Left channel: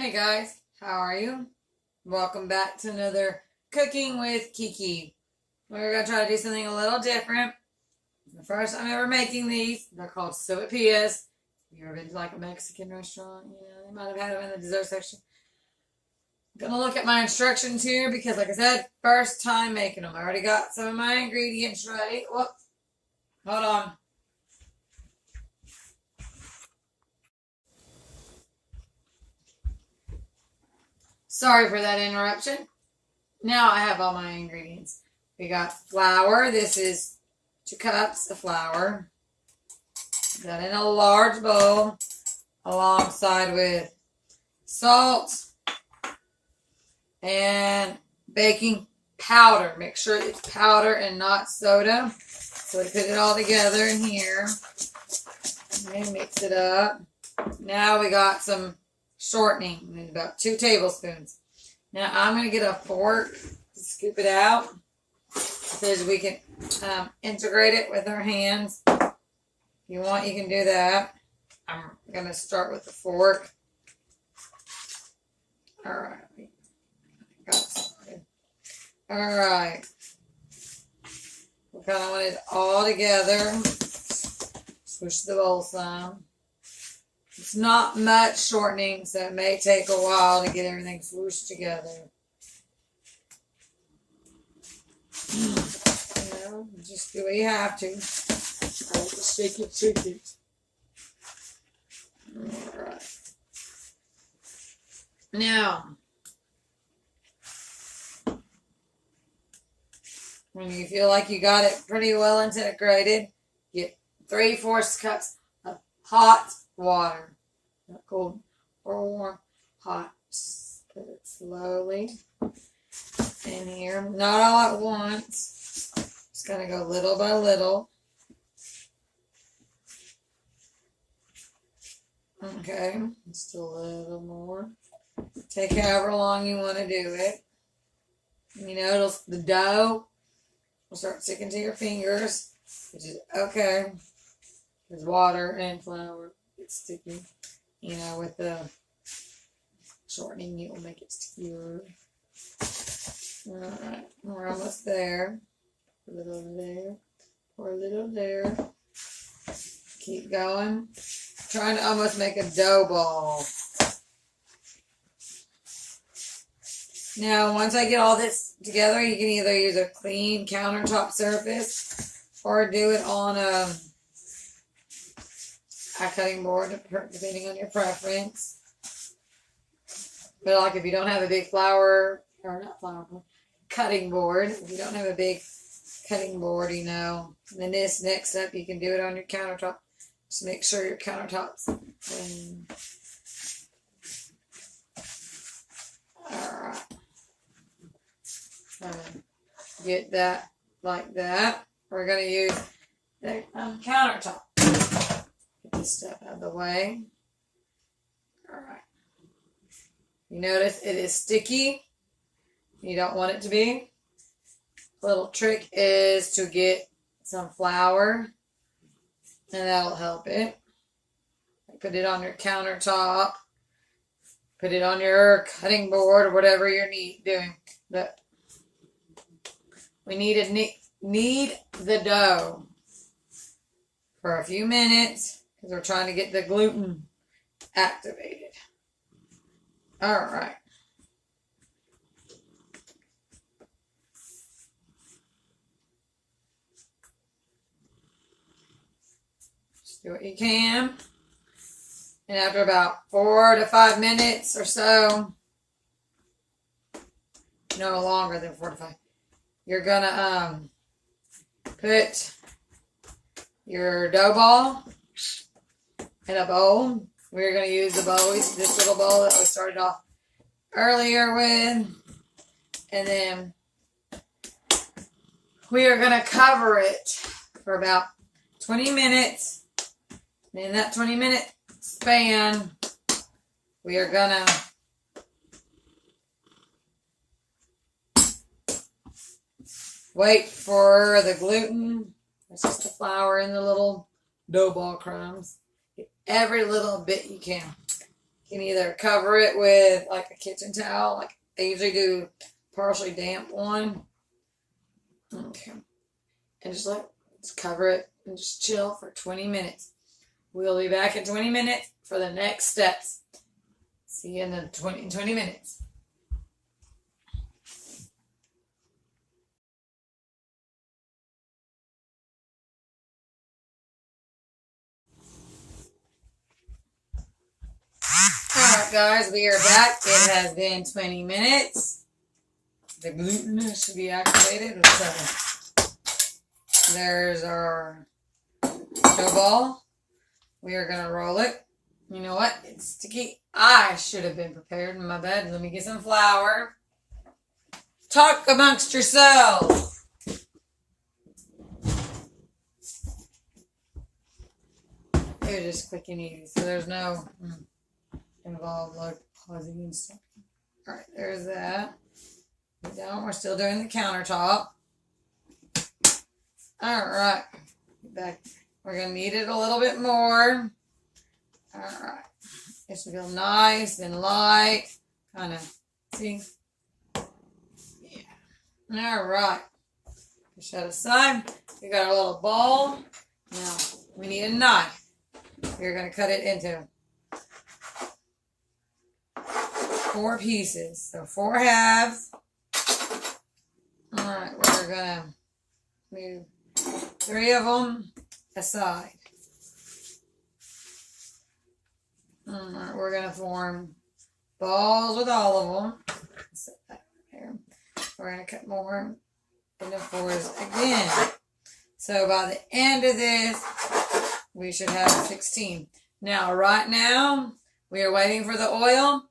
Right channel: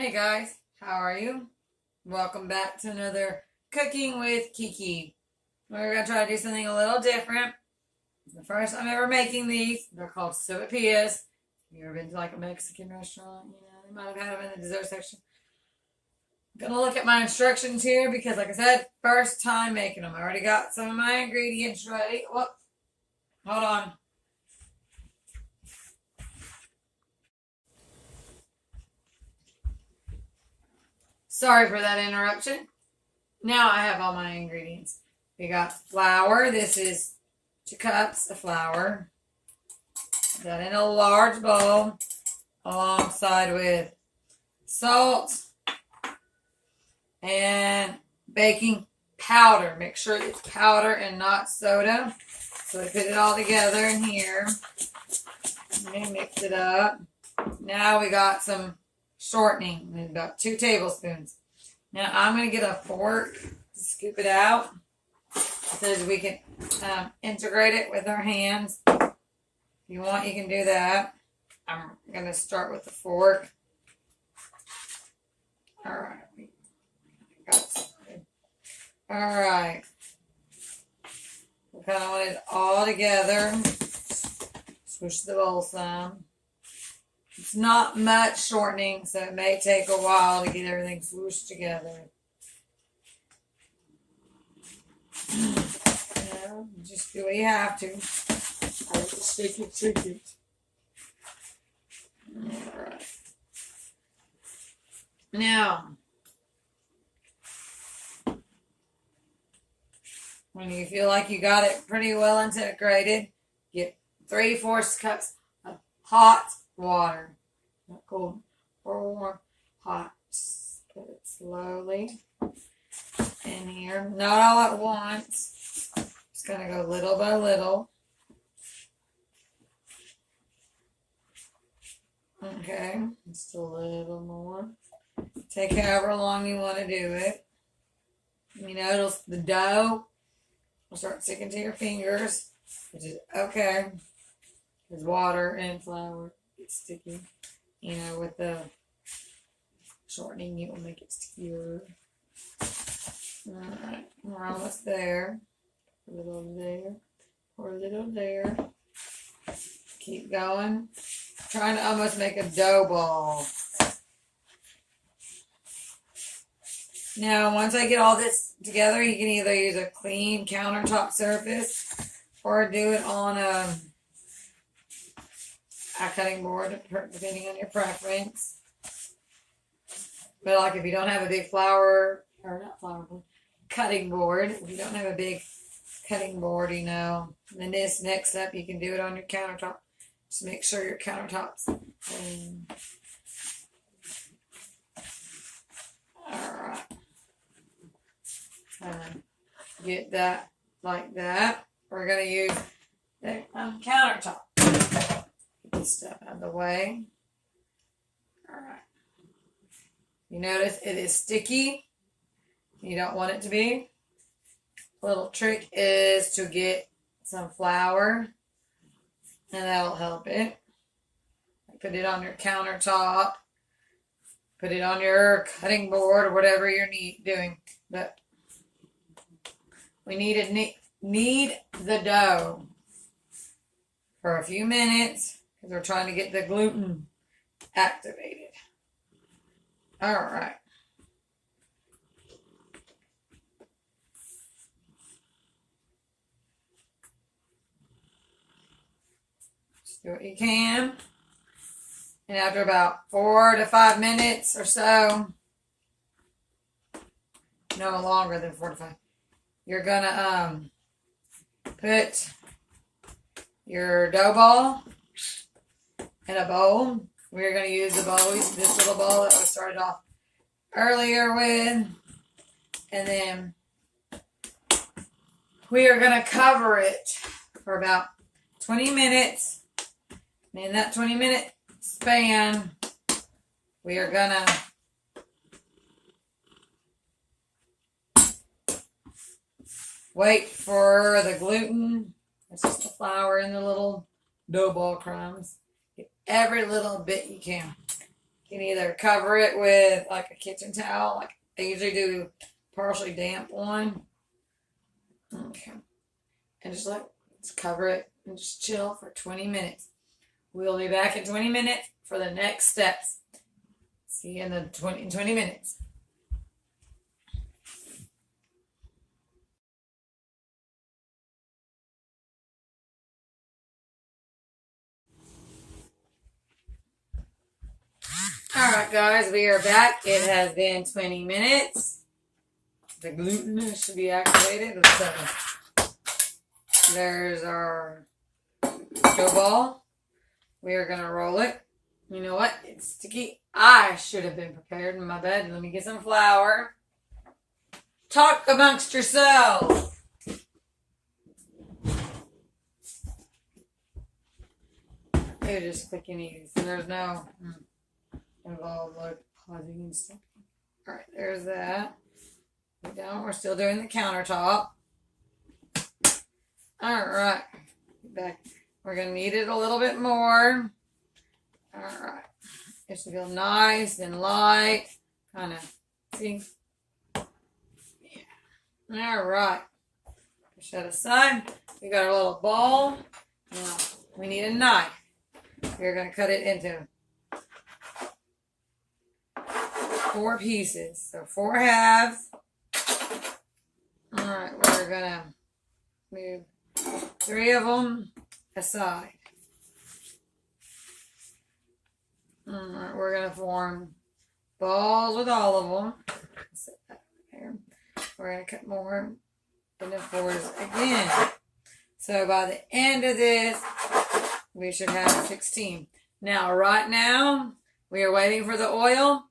Hey guys, how are you? Welcome back to another Cooking with Kiki. We're going to try to do something a little different. It's the first time ever making these. They're called Sopapillas. You ever been to like a Mexican restaurant? You know, they might have had them in the dessert section. I'm going to look at my instructions here because like I said, first time making them. I already got some of my ingredients ready. Whoop. Hold on. Sorry for that interruption. Now I have all my ingredients. We got flour. This is 2 cups of flour. Put that in a large bowl alongside with salt and baking powder. Make sure it's powder and not soda. So we put it all together in here. And mix it up. Now we got some shortening, about 2 tablespoons. Now I'm going to get a fork to scoop it out so that we can integrate it with our hands. If you want, you can do that. I'm going to start with the fork. All right. Got it started. All right. We kind of want it all together. Swoosh the bowl some. It's not much shortening, so it may take a while to get everything swooshed together. You know, just do what you have to. I like to shake it. Alright. Now, when you feel like you got it pretty well integrated, get 3/4 cups of hot water. Not cold or warm, hot. Just put it slowly in here. Not all at once. Just going to go little by little. Okay, just a little more. Take however long you want to do it. You know, the dough will start sticking to your fingers, which is okay. There's water and flour. It's sticky. You know, with the shortening, it will make it stickier. Alright, we're almost there. A little there. Pour a little there. Keep going. Trying to almost make a dough ball. Now, once I get all this together, you can either use a clean countertop surface or do it on a cutting board, depending on your preference. But like if you don't have a big cutting board, if you don't have a big cutting board, you know, then this next step, you can do it on your countertop. Just make sure your countertop's clean. Alright. Get that like that. We're going to use the countertop. Get this stuff out of the way. Alright. You notice it is sticky. You don't want it to be. A little trick is to get some flour, and that'll help it. Put it on your countertop. Put it on your cutting board or whatever you're doing. But we need to knead the dough for a few minutes because we're trying to get the gluten activated. All right. Just do what you can. And after about 4 to 5 minutes or so, no longer than 4 to 5, you're gonna put your dough ball in a bowl. We're gonna use the bowl, this little bowl that we started off earlier with, and then we are gonna cover it for about 20 minutes. And in that 20-minute span, we are gonna wait for the gluten. It's just the flour and the little dough ball crumbs. Get every little bit you can. You can either cover it with like a kitchen towel, like I usually do partially damp one. Okay. And just cover it and just chill for 20 minutes. We'll be back in 20 minutes for the next steps. See you in the 20 minutes. Alright guys, we are back. It has been 20 minutes. The gluten should be activated. There's our dough ball. We are going to roll it. You know what? It's sticky. I should have been prepared in my bed. Let me get some flour. Talk amongst yourselves. It's just quick and easy. So there's no involved like pausing and stuff. Alright, there's that. Down. We're still doing the countertop. Alright. Back. We're going to knead it a little bit more. Alright. It should feel nice and light. Kind of. See? Yeah. Alright. Push that aside. We got our little ball. Now, we need a knife. We're going to cut it into 4 pieces. So 4 halves. Alright, we're going to move 3 of them aside. Alright, we're going to form balls with all of them. Set that there. We're going to cut more into 4s again. So by the end of this, we should have 16. Now, right now, we are waiting for the oil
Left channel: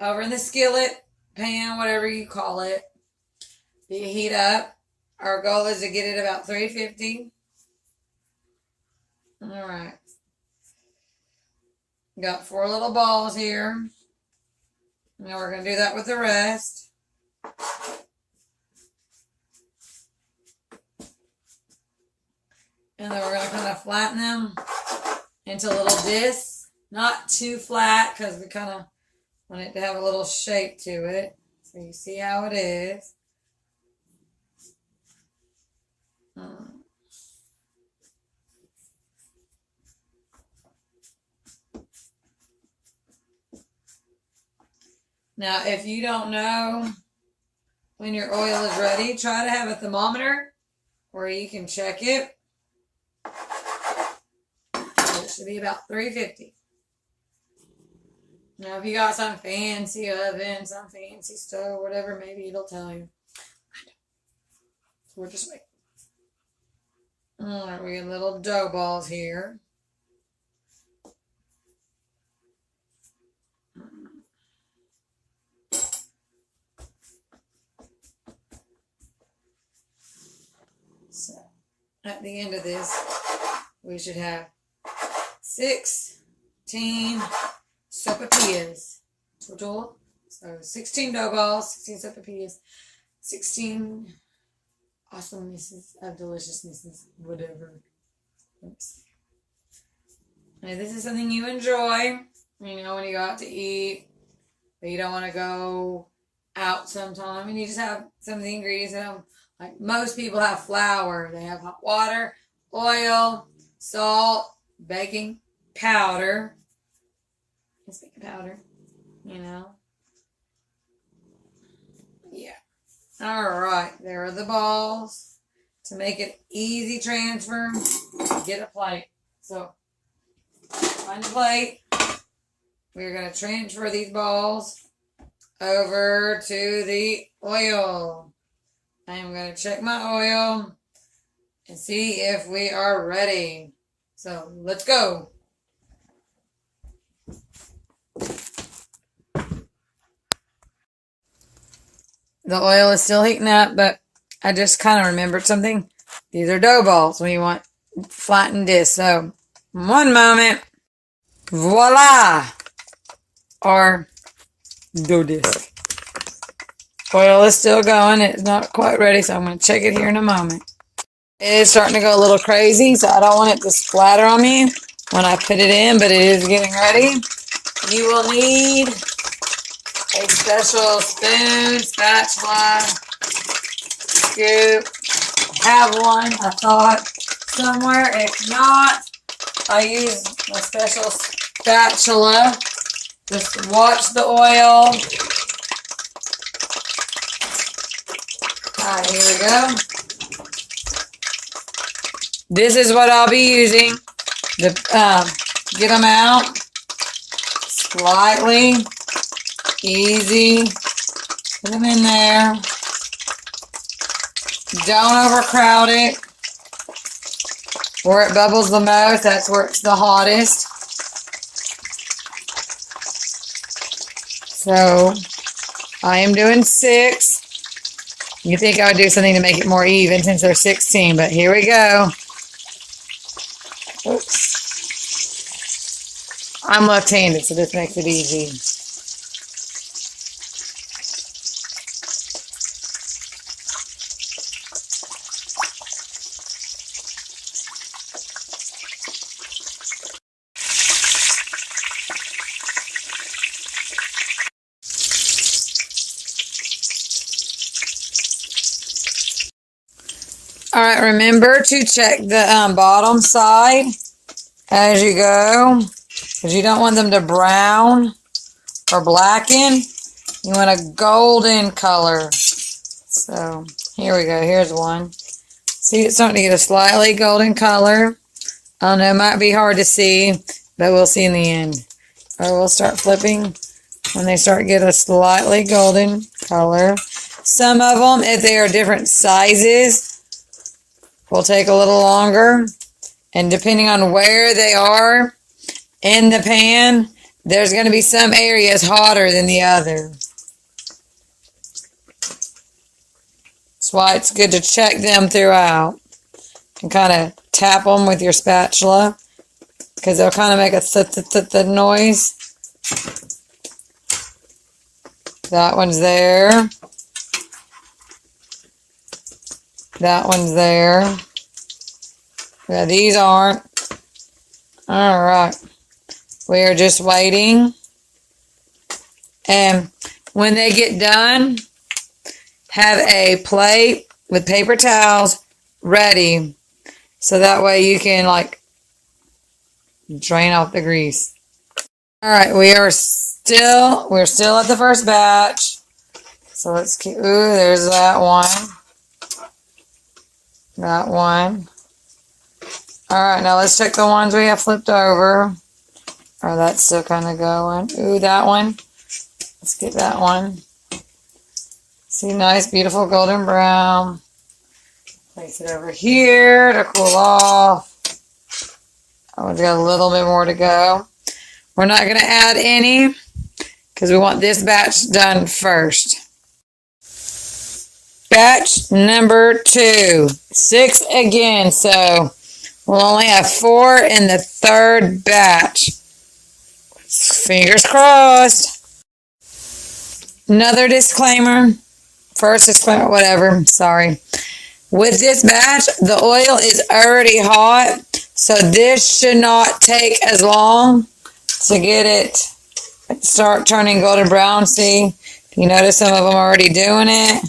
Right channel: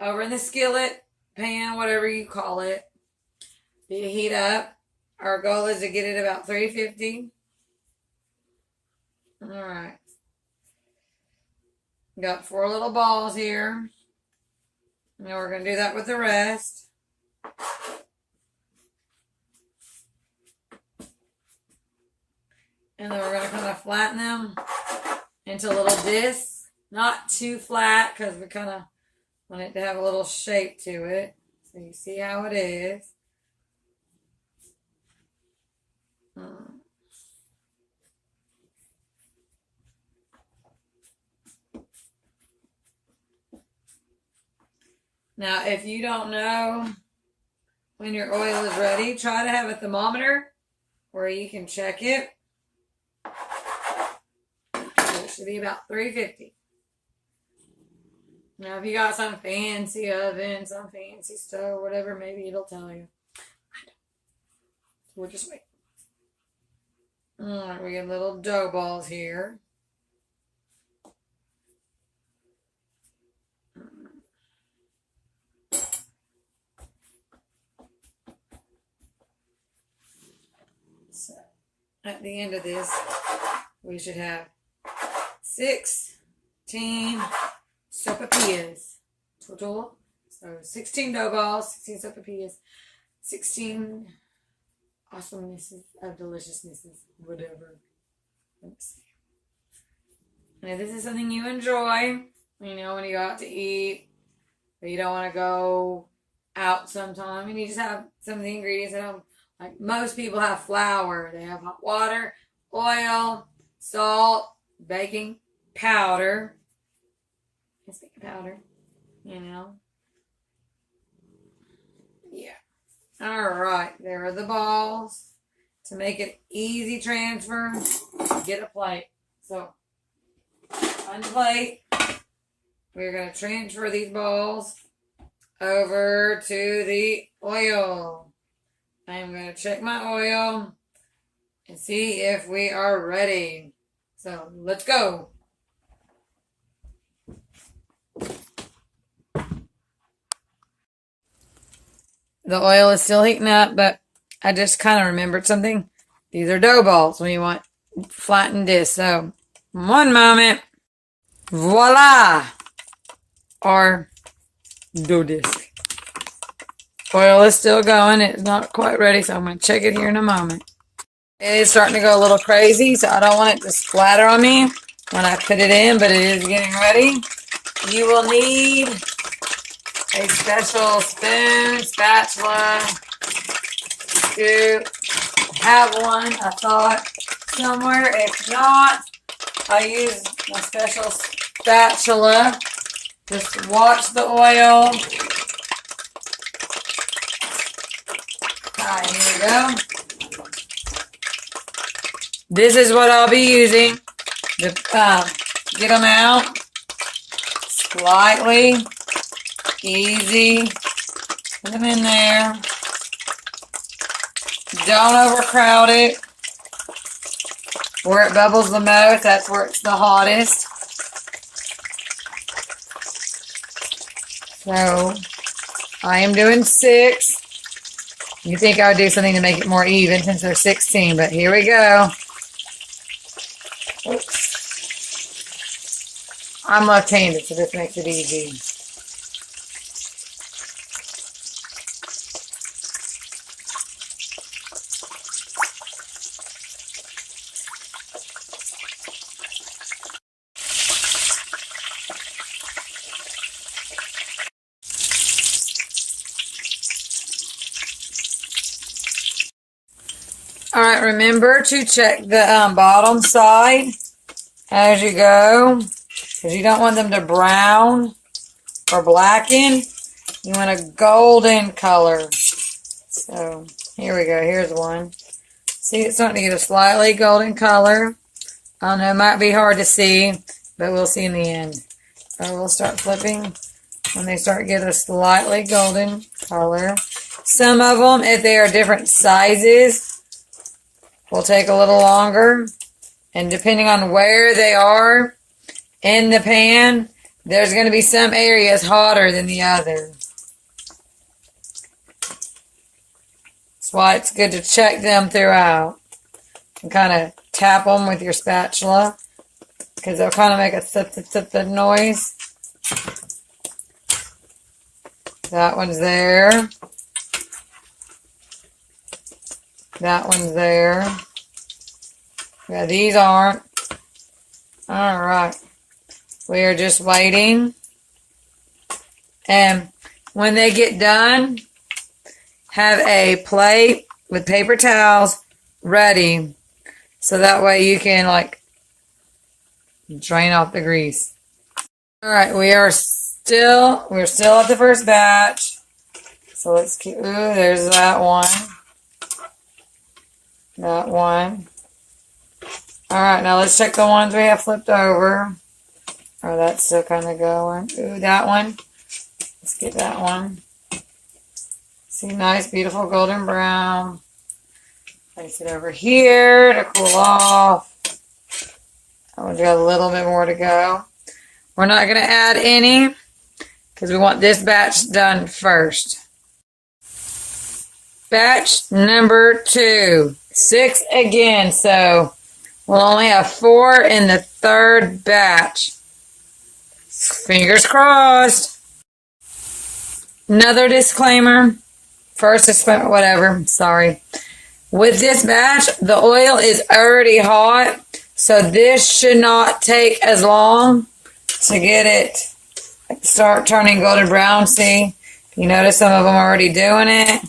over in the skillet, pan, whatever you call it. Be heat up. Our goal is to get it about 350. Alright. Got 4 little balls here. Now we're going to do that with the rest. And then we're going to kind of flatten them into little discs. Not too flat because we kind of want it to have a little shape to it. So you see how it is. Now, if you don't know when your oil is ready, try to have a thermometer where you can check it. It should be about 350. Now, if you got some fancy oven, some fancy stove, whatever, maybe it'll tell you. We'll just wait. Alright, we get little dough balls here. So, at the end of this, we should have 16 sopapillas total. So 16 dough balls, 16 sopapillas, 16 awesomenesses of deliciousnesses, whatever. Oops. And if this is something you enjoy, you know, when you go out to eat, but you don't want to go out sometime, and you just have some of the ingredients at home. Like most people have flour. They have hot water, oil, salt, baking powder. It's baking powder, you know. Yeah. All right. There are the balls. To make it easy transfer, get a plate. So, find a plate. We're going to transfer these balls over to the oil. I'm going to check my oil and see if we are ready. So, let's go. The oil is still heating up, but I just kind of remembered something. These are dough balls when you want flattened discs. So, one moment. Voila! Or dough disc. Oil is still going. It's not quite ready, so I'm going to check it here in a moment. It's starting to go a little crazy, so I don't want it to splatter on me when I put it in, but it is getting ready. You will need a special spoon, spatula, scoop. Have one, I thought, somewhere. If not, I use my special spatula. Just watch the oil. Alright, here we go. This is what I'll be using to get them out. Slightly easy. Put them in there. Don't overcrowd it. Where it bubbles the most, that's where it's the hottest. So, I am doing 6. You think I would do something to make it more even since they're 16, but here we go. Oops. I'm left-handed, so this makes it easy. Alright, remember to check the bottom side as you go, because you don't want them to brown or blacken. You want a golden color. So, here we go. Here's one. See, it's starting to get a slightly golden color. I know it might be hard to see, but we'll see in the end. Or we'll start flipping when they start to get a slightly golden color. Some of them, if they are different sizes, will take a little longer, and depending on where they are in the pan, there's going to be some areas hotter than the other. That's why it's good to check them throughout and kind of tap them with your spatula, because they'll kind of make a th noise. That one's there. That one's there. Yeah, these aren't. Alright. We are just waiting. And when they get done, have a plate with paper towels ready. So that way you can, like, drain off the grease. Alright, we're still at the first batch. So let's keep, ooh, there's that one. That one. Alright, now let's check the ones we have flipped over. Oh, that's still kind of going. Ooh, that one. Let's get that one. See, nice, beautiful golden brown. Place it over here to cool off. Oh, we got a little bit more to go. We're not going to add any because we want this batch done first. Batch number 2. 6 again, so we'll only have 4 in the third batch. Fingers crossed. Another disclaimer. First disclaimer, whatever, sorry. With this batch, the oil is already hot, so this should not take as long to get it start turning golden brown. See, you notice some of them are already doing it.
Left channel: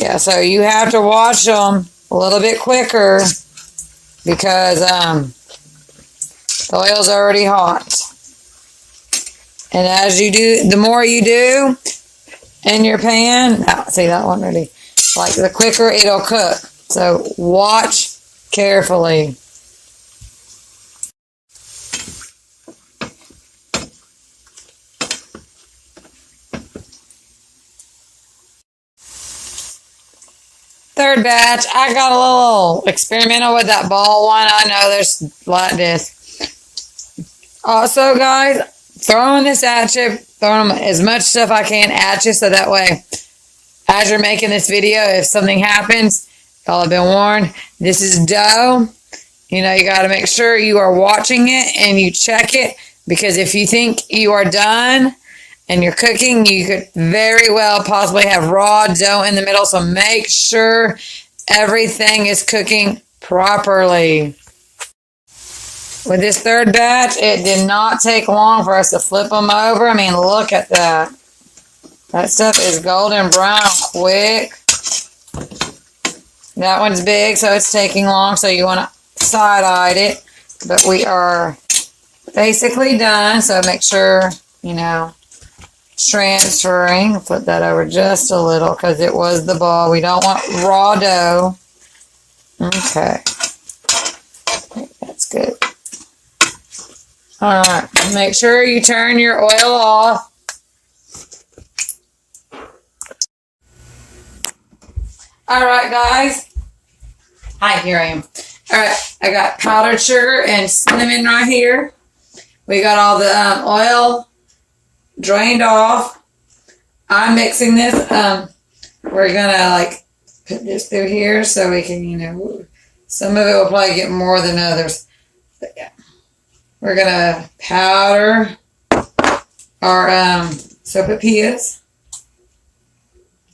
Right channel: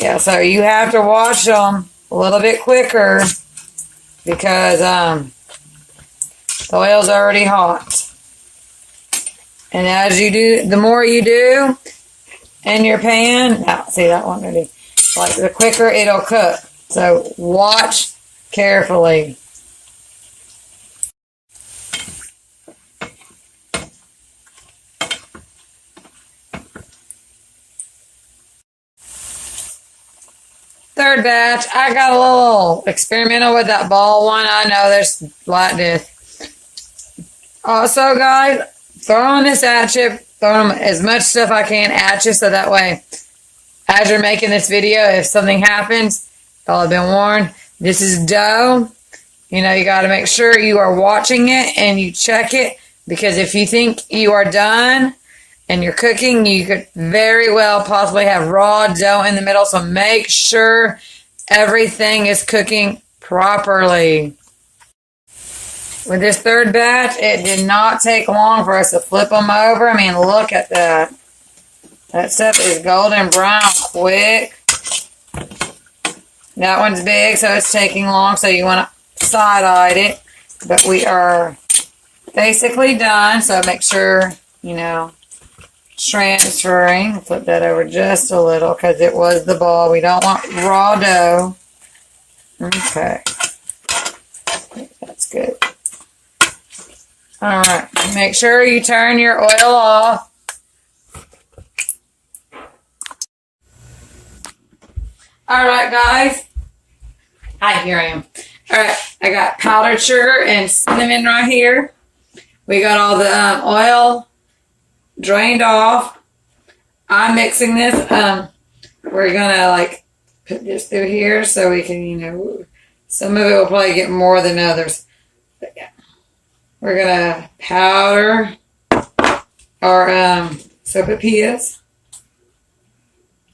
Yeah, so you have to watch them a little bit quicker because the oil's already hot. And as you do, the more you do in your pan, see that one already, like the quicker it'll cook. So watch carefully. Third batch, I got a little experimental with that ball one. I know there's like this. Also, guys, throwing this at you, throwing as much stuff I can at you so that way, as you're making this video, if something happens, y'all have been warned. This is dough. You know, you got to make sure you are watching it and you check it, because if you think you are done and you're cooking, you could very well possibly have raw dough in the middle. So make sure everything is cooking properly. with this third batch, it did not take long for us to flip them over. I mean, look at that. That stuff is golden brown quick. That one's big, so it's taking long, so you want to side-eye it. But we are basically done, so make sure, you know, transferring. Flip that over just a little because it was the ball. We don't want raw dough. Okay. That's good. All right. Make sure you turn your oil off. All right, guys. Hi, here I am. All right. I got powdered sugar and cinnamon right here. We got all the oil drained off. I'm mixing this. We're gonna like put this through here so we can, you know, some of it will probably get more than others. But yeah, we're gonna powder our sopapillas.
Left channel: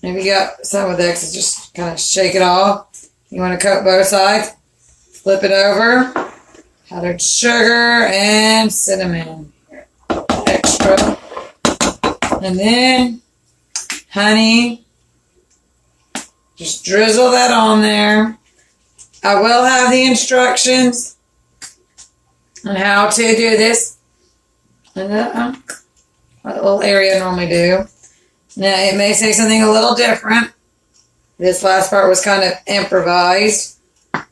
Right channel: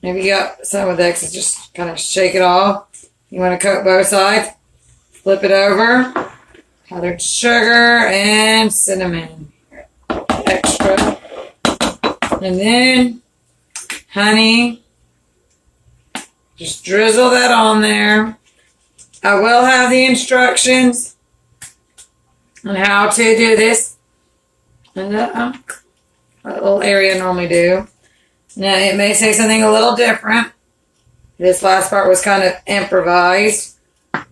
If you got some of the excess, just kind of shake it off. You want to coat both sides. Flip it over. Powdered sugar and cinnamon. Extra. And then honey. Just drizzle that on there. I will have the instructions on how to do this in the little area I normally do. Now, it may say something a little different. This last part was kind of improvised. All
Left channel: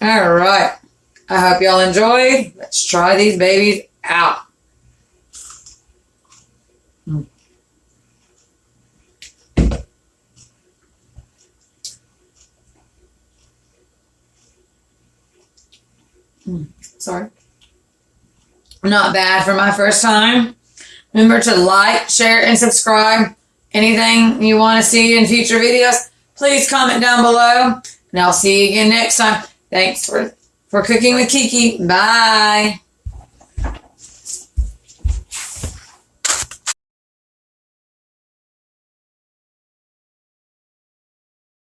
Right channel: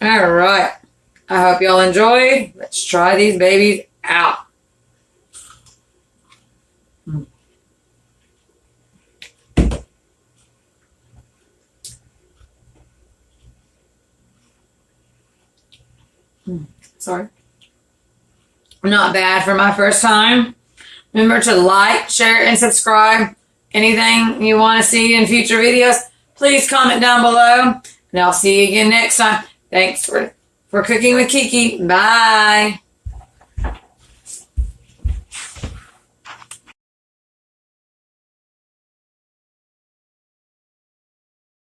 right. I hope y'all enjoyed. Let's try these babies out. Sorry. Not bad for my first time. Remember to like, share, and subscribe. Anything you want to see in future videos, please comment down below. And I'll see you again next time. Thanks for cooking with Kiki. Bye.